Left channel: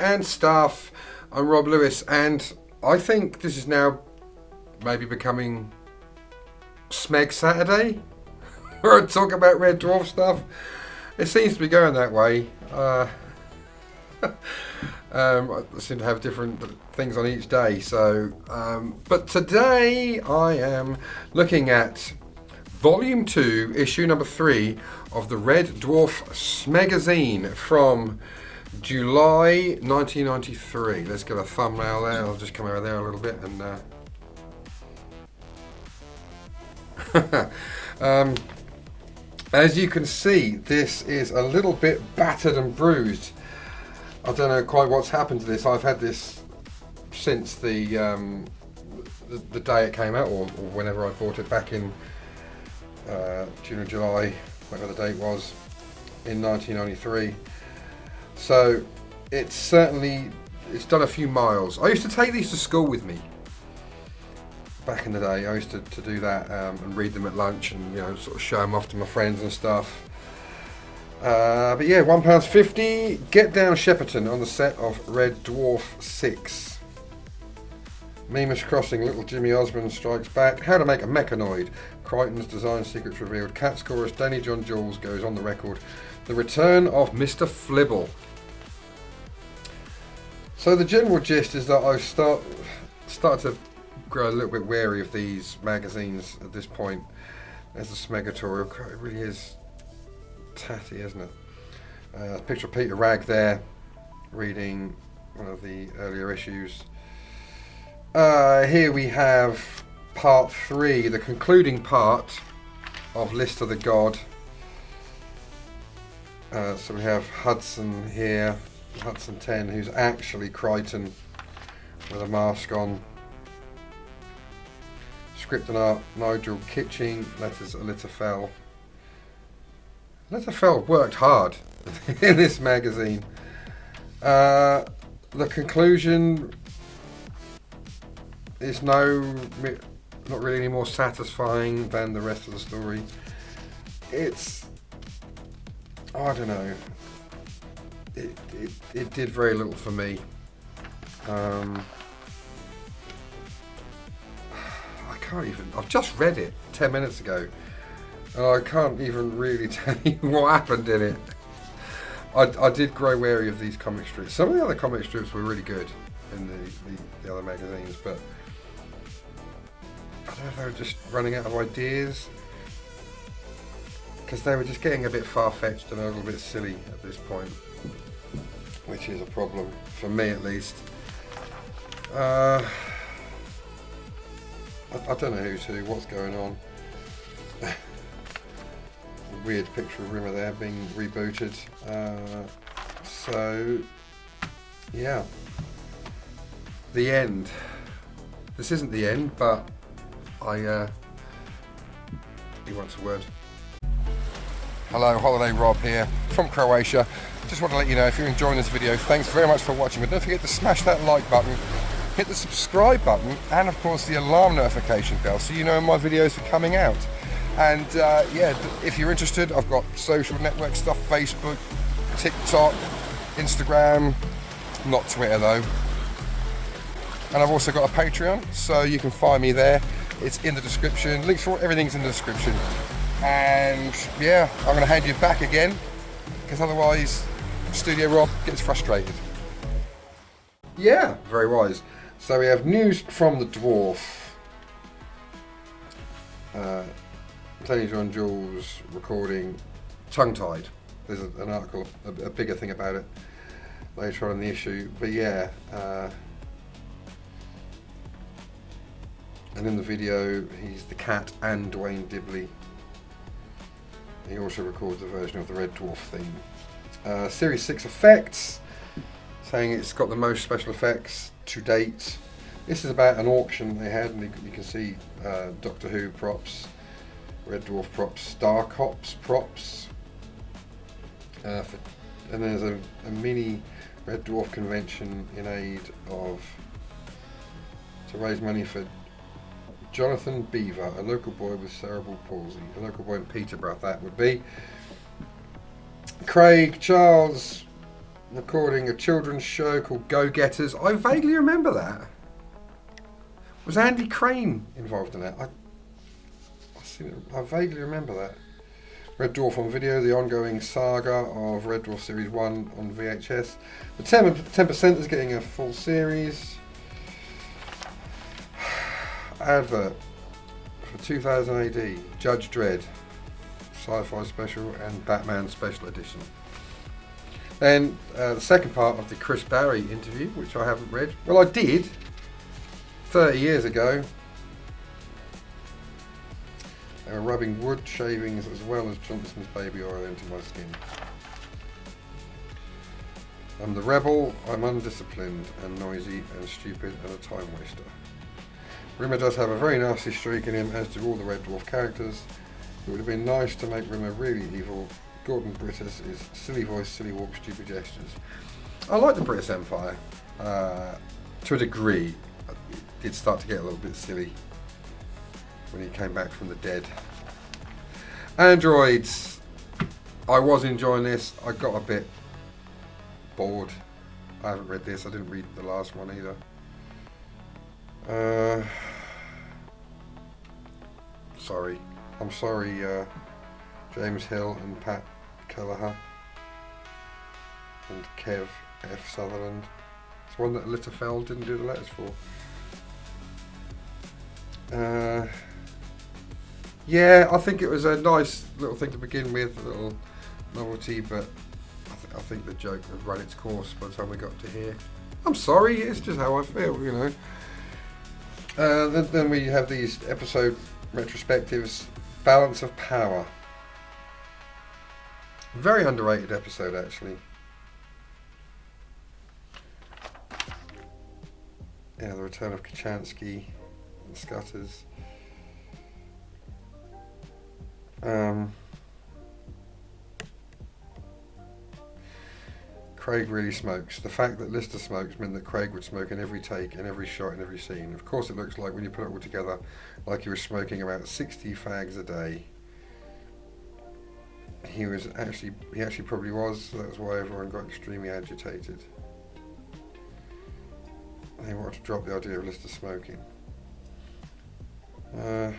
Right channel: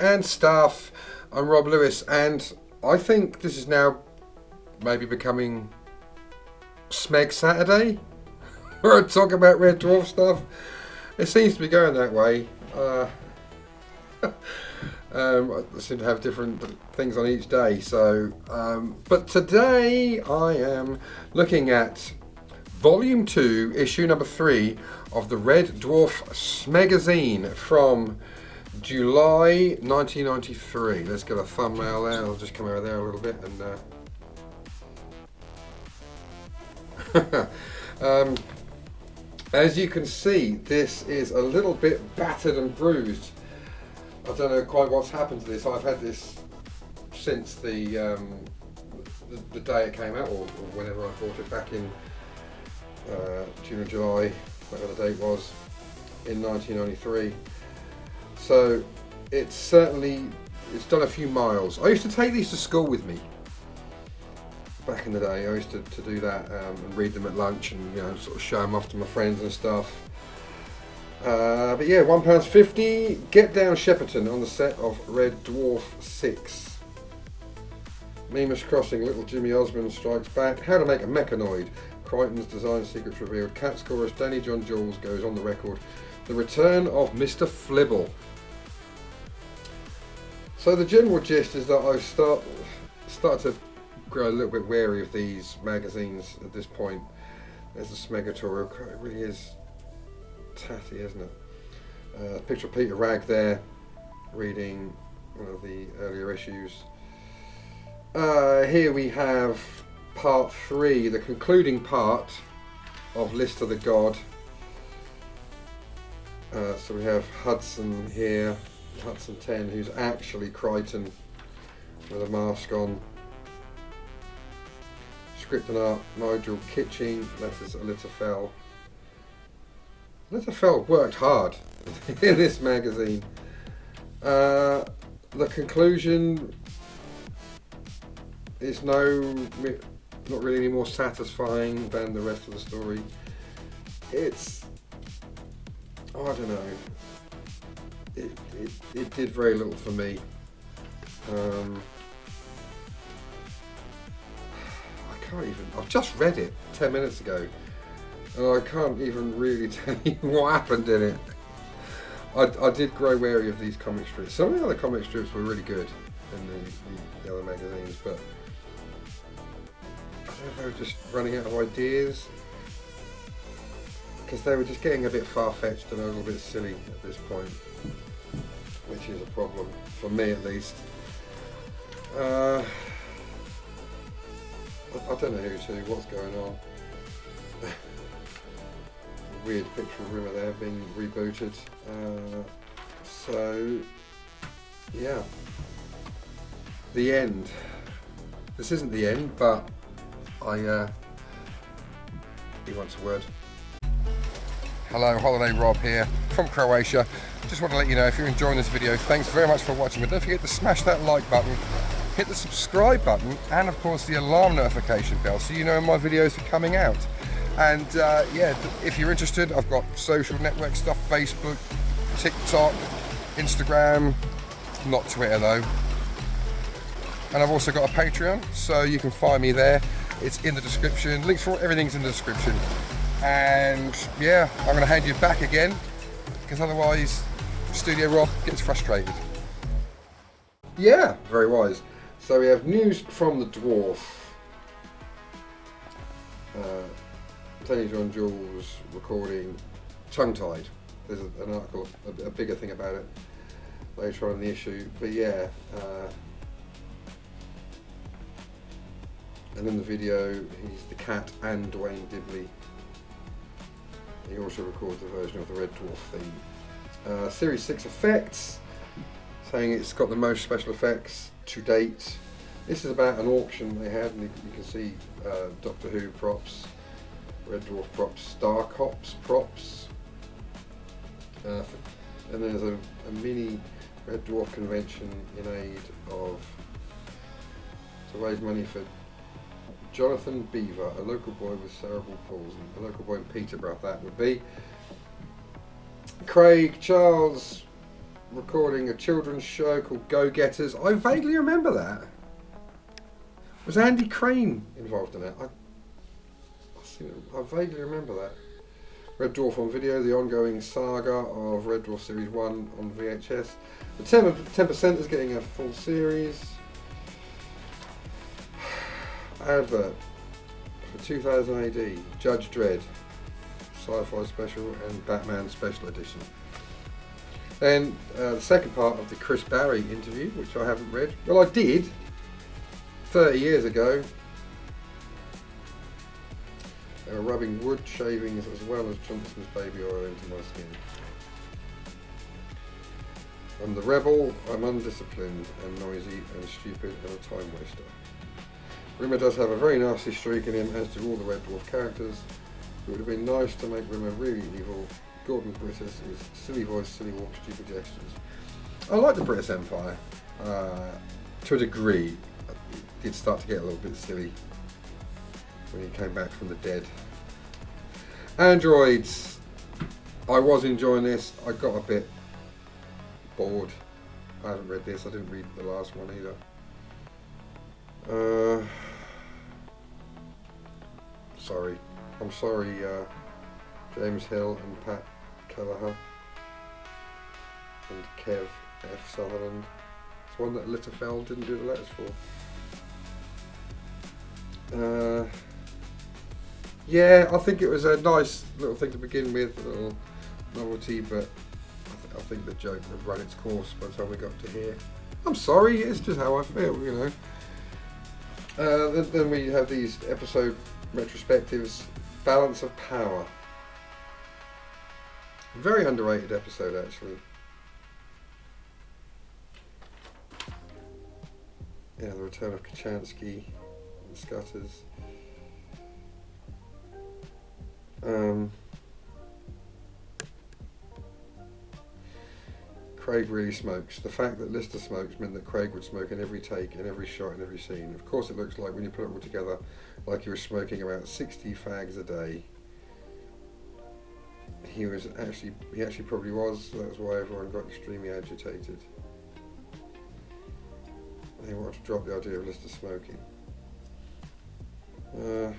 and stuff. I'm Rob Lewis, and I think this is now maybe becoming Smeg Saturday, where I talk about Red Dwarf stuff. It seems to be going that way. I seem to have different things on each day. So, but today I am looking at Volume 2, Issue number 3 of the Red Dwarf Magazine from July 1993. Let's get a thumbnail there. I'll just come over there a little bit and as you can see, this is a little bit battered and bruised. I don't know quite what's happened to this. I've had this since the day it came out, or whenever I bought it back in June or July, whatever the date was, in 1993. So it's done a few miles. I used to take these to school with me back in the day. I used to do that and read them at lunch and sort of show them off to my friends and stuff. But yeah, £1.50. Get down Shepperton on the set of Red Dwarf 6. Mimas Crossing, Little Jimmy Osmond Strikes Back. How to Make a Mechanoid. Crichton's Design Secrets Revealed. Cat's Chorus, Danny John Jules goes on the record. The Return of Mr. Flibble. So the general gist is that I've started to grow a little bit wary of these magazines at this point. There's the Smeghead. It really is tatty, isn't it? Picture of Peter Ragg there, reading one of the earlier issues. Here we have part 3, the concluding part of List of the God. So we have Hudson here, Hudson 10, who's actually Crichton with a mask on. Script and art, Nigel Kitching, letters Elitafel. Elitafel worked hard in this magazine. The conclusion is not really any more satisfying than the rest of the story. It's, I don't know, it did very little for me. I've just read it 10 minutes ago and I can't even really tell you what happened in it. I did grow wary of these comic strips. Some of the other comic strips were really good in the other magazines, but I don't know if they were just running out of ideas, because they were just getting a bit far-fetched and a little bit silly at this point, which is a problem, for me at least. I don't know who's who, what's going on. Weird picture of Rimmer there being rebooted. So, yeah. The end. This isn't the end, but he wants a word. Hello, Holiday Rob here from Croatia. Just want to let you know, if you're enjoying this video, thanks very much for watching, but don't forget to smash that like button, hit the subscribe button, and of course the alarm notification bell so you know when my videos are coming out. And yeah, if you're interested, I've got social network stuff, Facebook, TikTok, Instagram, not Twitter though. And I've also got a Patreon, so you can find me there. It's in the description. Links for everything's in the description. And yeah, I'm going to hand you back again, because otherwise Studio Rob gets frustrated. Yeah, very wise. So we have news from the Dwarf. Tony John Jules recording tongue-tied. There's an article, a bigger thing about it later on in the issue. But yeah, and in the video he's the Cat and Dwayne Dibley. He also records a version of the Red Dwarf theme. Series 6 effects, saying it's got the most special effects to date. This is about an auction they had, and you can see Doctor Who props, Red Dwarf props, Star Cops props, and there's a mini Red Dwarf convention in aid of, to raise money for Jonathan Beaver, a local boy with cerebral palsy, a local boy in Peterborough that would be. Craig Charles recording a children's show called Go Getters. I vaguely remember that. Was Andy Crane involved in that? I vaguely remember that. Red Dwarf on video, the ongoing saga of Red Dwarf Series 1 on VHS. The 10% is getting a full series. Advert for 2000 AD, Judge Dredd, sci-fi special and Batman special edition. Then the second part of the Chris Barry interview, which I haven't read. Well, I did 30 years ago. They were rubbing wood shavings as well as Johnson's baby oil into my skin. I'm the rebel, I'm undisciplined and noisy and stupid and a time waster. Rimmer does have a very nasty streak in him, as do all the Red Dwarf characters. It would have been nice to make Rimmer really evil. Gordon Brittis is silly voice, silly walk, stupid gestures. I like the British Empire to a degree. It did start to get a little bit silly when he came back from the dead. Androids. I was enjoying this. I got a bit bored. I haven't read this. I didn't read the last one either. Sorry. I'm sorry, James Hill and Pat Kelleher and Kev F. Sutherland. It's one that Litterfeld didn't do the letters for. Yeah, I think it was a nice little thing to begin with, a little novelty, but I think the joke had run its course by the time we got to here. I'm sorry, it's just how I feel, you know. Then we have these episode retrospectives. Balance of Power. Very underrated episode, actually. Yeah, the return of Kachansky and Scutters. Craig really smokes. The fact that Lister smokes meant that Craig would smoke in every take, in every shot, in every scene. Of course, it looks like when you put it all together, like he was smoking about 60 fags a day. He actually probably was. So that's why everyone got extremely agitated. They wanted to drop the idea of Lister smoking. The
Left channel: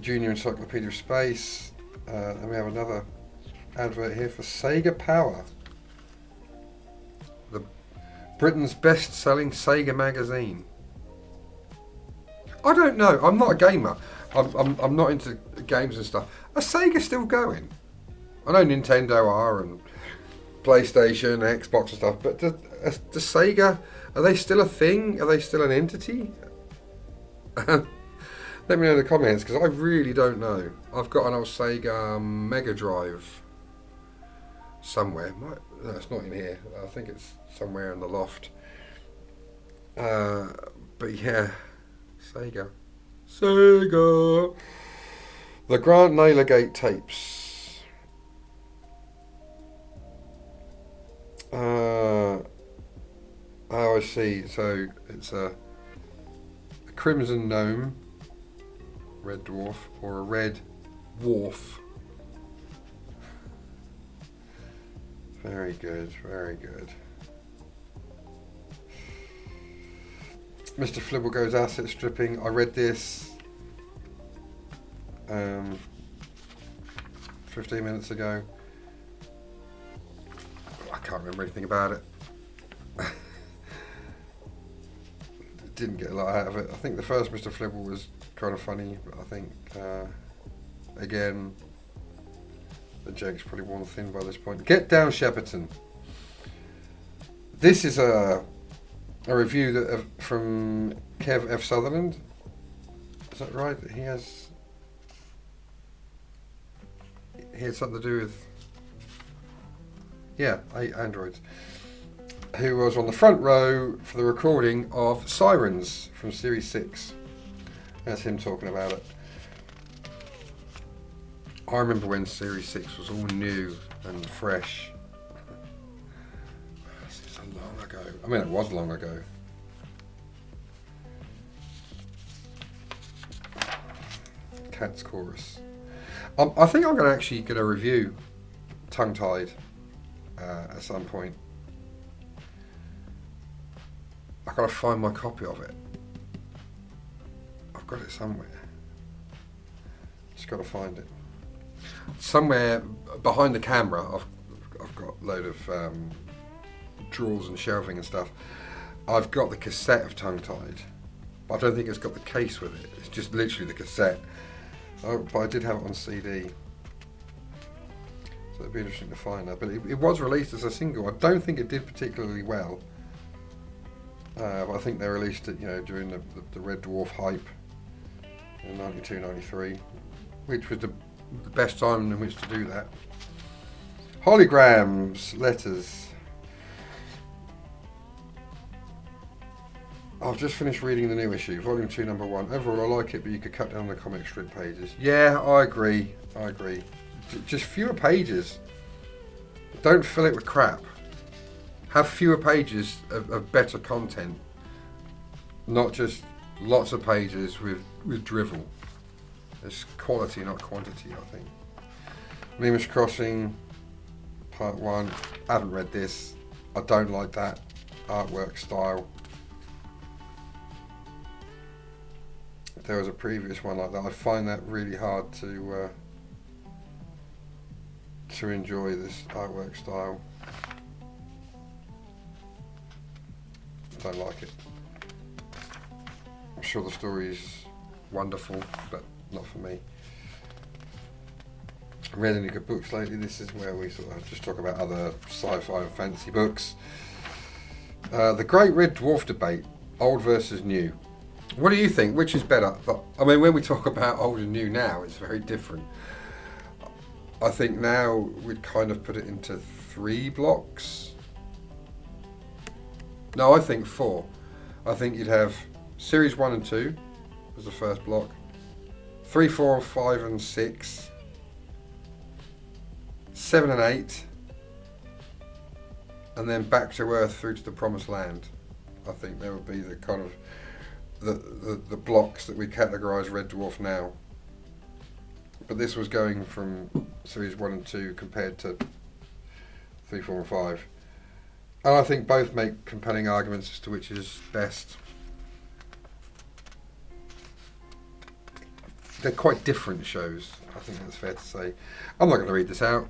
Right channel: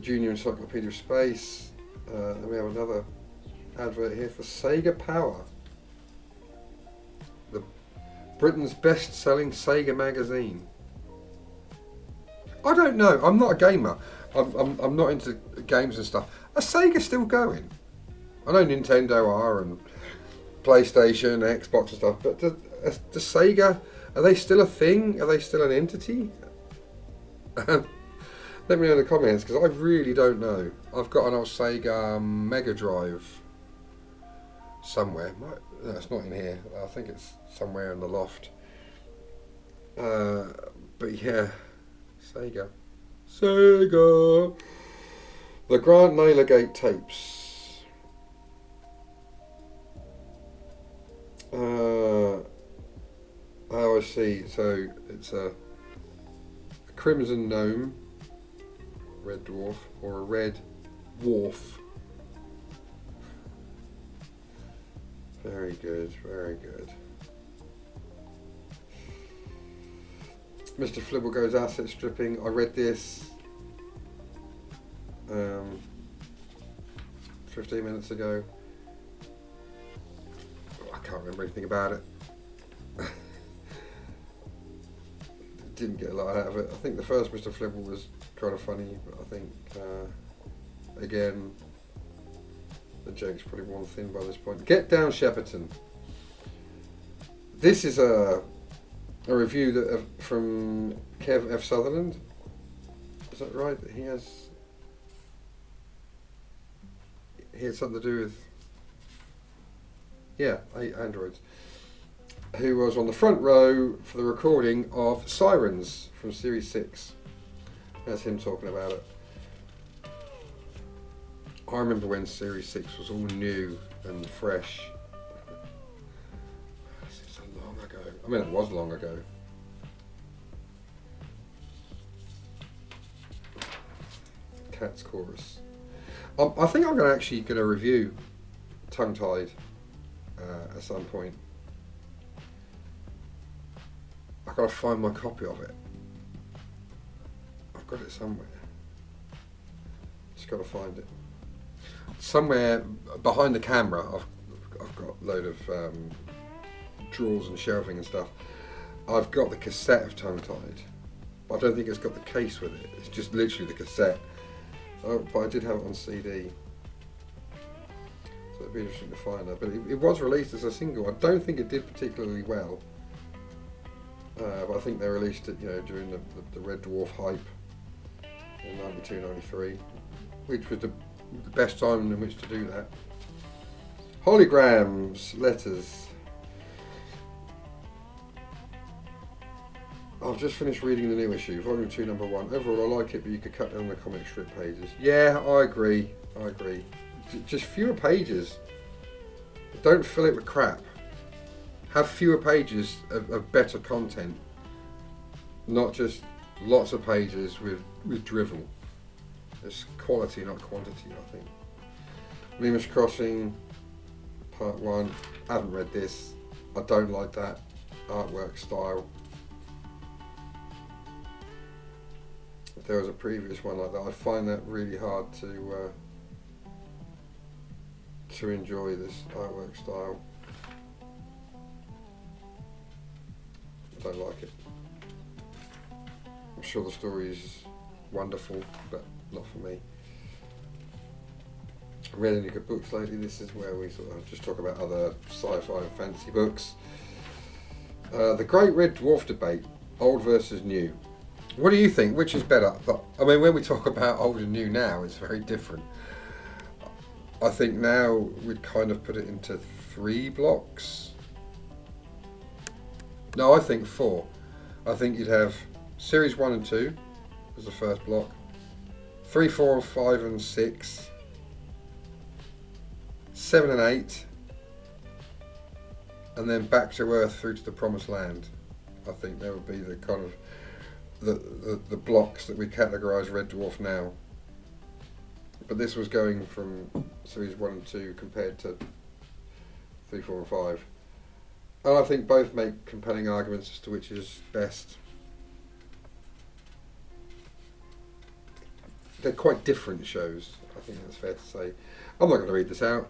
Junior Encyclopedia of Space. And we have another advert here for Sega Power, the Britain's best-selling Sega magazine. I don't know. I'm not a gamer. I'm not into games and stuff. Are Sega still going? I know Nintendo are and PlayStation, Xbox and stuff, but does Sega, are they still a thing? Are they still an entity? Let me know in the comments, because I really don't know. I've got an old Sega Mega Drive somewhere. No, it's not in here. I think it's somewhere in the loft. But yeah, Sega. The Grant Naylorgate tapes. Oh, I see. So it's a Crimson Gnome, Red Dwarf, or a Red Dwarf. Very good, very good. Mr. Flibble goes asset stripping. I read this 15 minutes ago. I can't remember anything about it. Didn't get a lot out of it. I think the first Mr. Flibble was kind of funny, but I think again the joke's probably worn thin by this point. Get Down Shepperton. This is a review that from Kev F. Sutherland. Is that right? He had something to do with androids. Who was on the front row for the recording of Sirens from Series 6. That's him talking about it. I remember when Series 6 was all new and fresh. Seems so long ago. I mean, it was long ago. Cat's Chorus. I think I'm actually going to review Tongue Tied at some point. I've got to find my copy of it. I've got it somewhere. Just got to find it. Somewhere behind the camera, I've got a load of drawers and shelving and stuff. I've got the cassette of Tongue Tied, but I don't think it's got the case with it. It's just literally the cassette. But I did have it on CD. So it'd be interesting to find that. But it was released as a single. I don't think it did particularly well. But I think they released it, during the Red Dwarf hype in 92, 93, which was the best time in which to do that. Holograms, letters. I've just finished reading the new issue, Volume 2, Number 1. Overall, I like it, but you could cut down the comic strip pages. Yeah, I agree. Just fewer pages. Don't fill it with crap. Have fewer pages of better content. Not just lots of pages with drivel. It's quality, not quantity, I think. Mimus Crossing, Part 1. I haven't read this. I don't like that artwork style. There was a previous one like that. I find that really hard to enjoy this artwork style. I don't like it. I'm sure the story is wonderful, but not for me. Read any good books lately? This is where we sort of just talk about other sci-fi and fantasy books. The Great Red Dwarf debate, old versus new. What do you think? Which is better? I mean, when we talk about old and new now, it's very different. I think now we'd kind of put it into 3 blocks. No, I think 4. I think you'd have Series 1 and 2 as the first block, 3, 4, 5 and 6, 7 and 8, and then Back to Earth through to the Promised Land. I think that would be the kind of the blocks that we categorise Red Dwarf now. But this was going from Series 1 and 2 compared to 3, 4 and 5. And I think both make compelling arguments as to which is best. They're quite different shows, I think that's fair to say. I'm not going to read this out.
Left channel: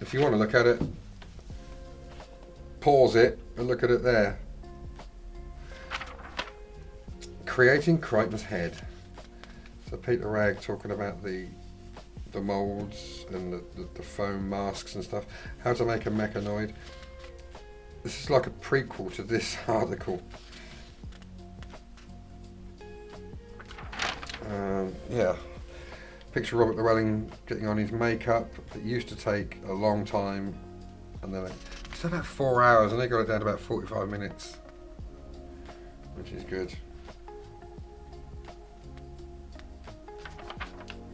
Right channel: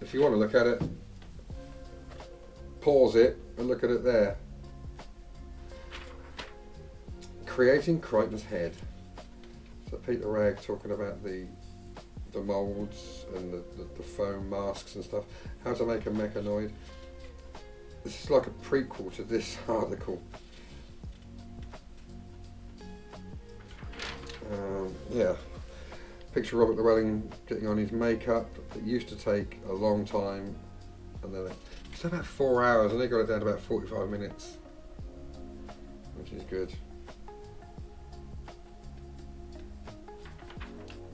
If you want to look at it, pause it and look at it there. Creating Crichton's Head. So Peter Ragg talking about the moulds and the foam masks and stuff. How to make a mechanoid. This is like a prequel to this article. Yeah. Picture Robert Llewellyn getting on his makeup. It used to take a long time, and then it's about 4 hours, and they got it down to about 45 minutes, which is good.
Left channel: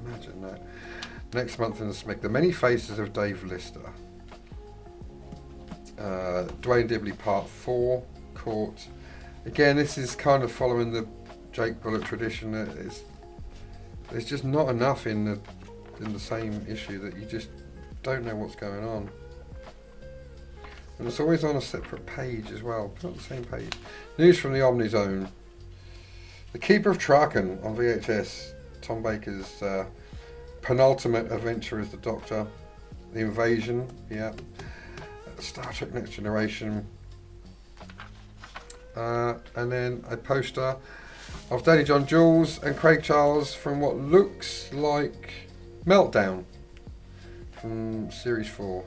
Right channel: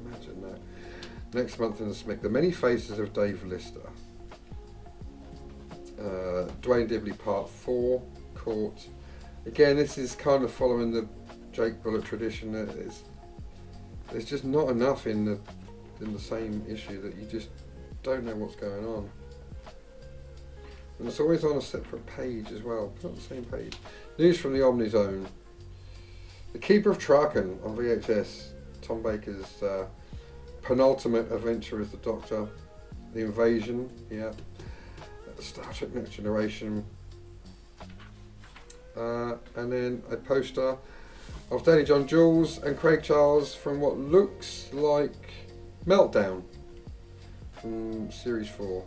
Imagine that. Next month in the Smeghead, The Many Faces of Dave Lister. Dwayne Dibley Part 4, Court. Again, this is kind of following the Jake Bullock tradition. There's just not enough in the same issue that you just don't know what's going on. And it's always on a separate page as well, not the same page. News from the Omni Zone. The Keeper of Traken on VHS. Tom Baker's penultimate adventure as the Doctor. The Invasion, yeah. Star Trek Next Generation. And then a poster of Danny John Jules and Craig Charles from what looks like Meltdown from Series 4.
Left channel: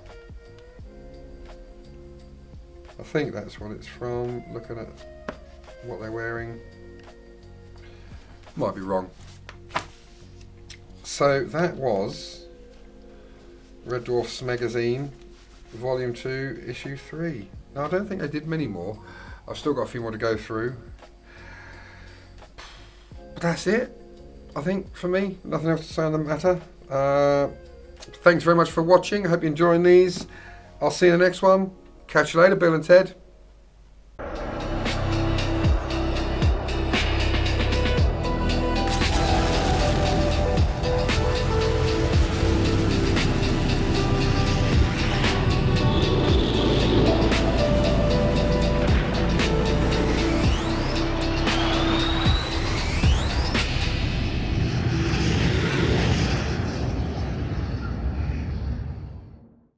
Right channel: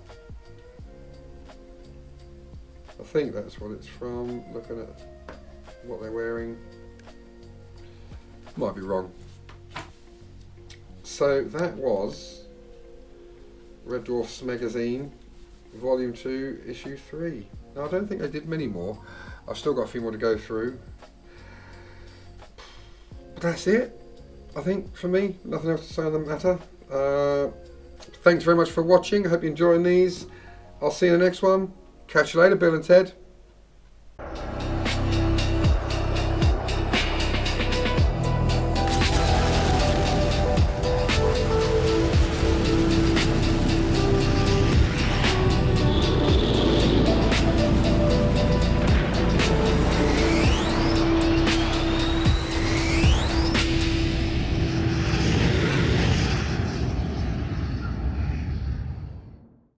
I think that's what it's from, looking at what they're wearing. Might be wrong. So that was Red Dwarf's Magazine, Volume 2, Issue 3. Now I don't think I did many more. I've still got a few more to go through. But that's it, I think, for me. Nothing else to say on the matter. Thanks very much for watching. I hope you're enjoying these. I'll see you in the next one. Catch you later, Bill and Ted.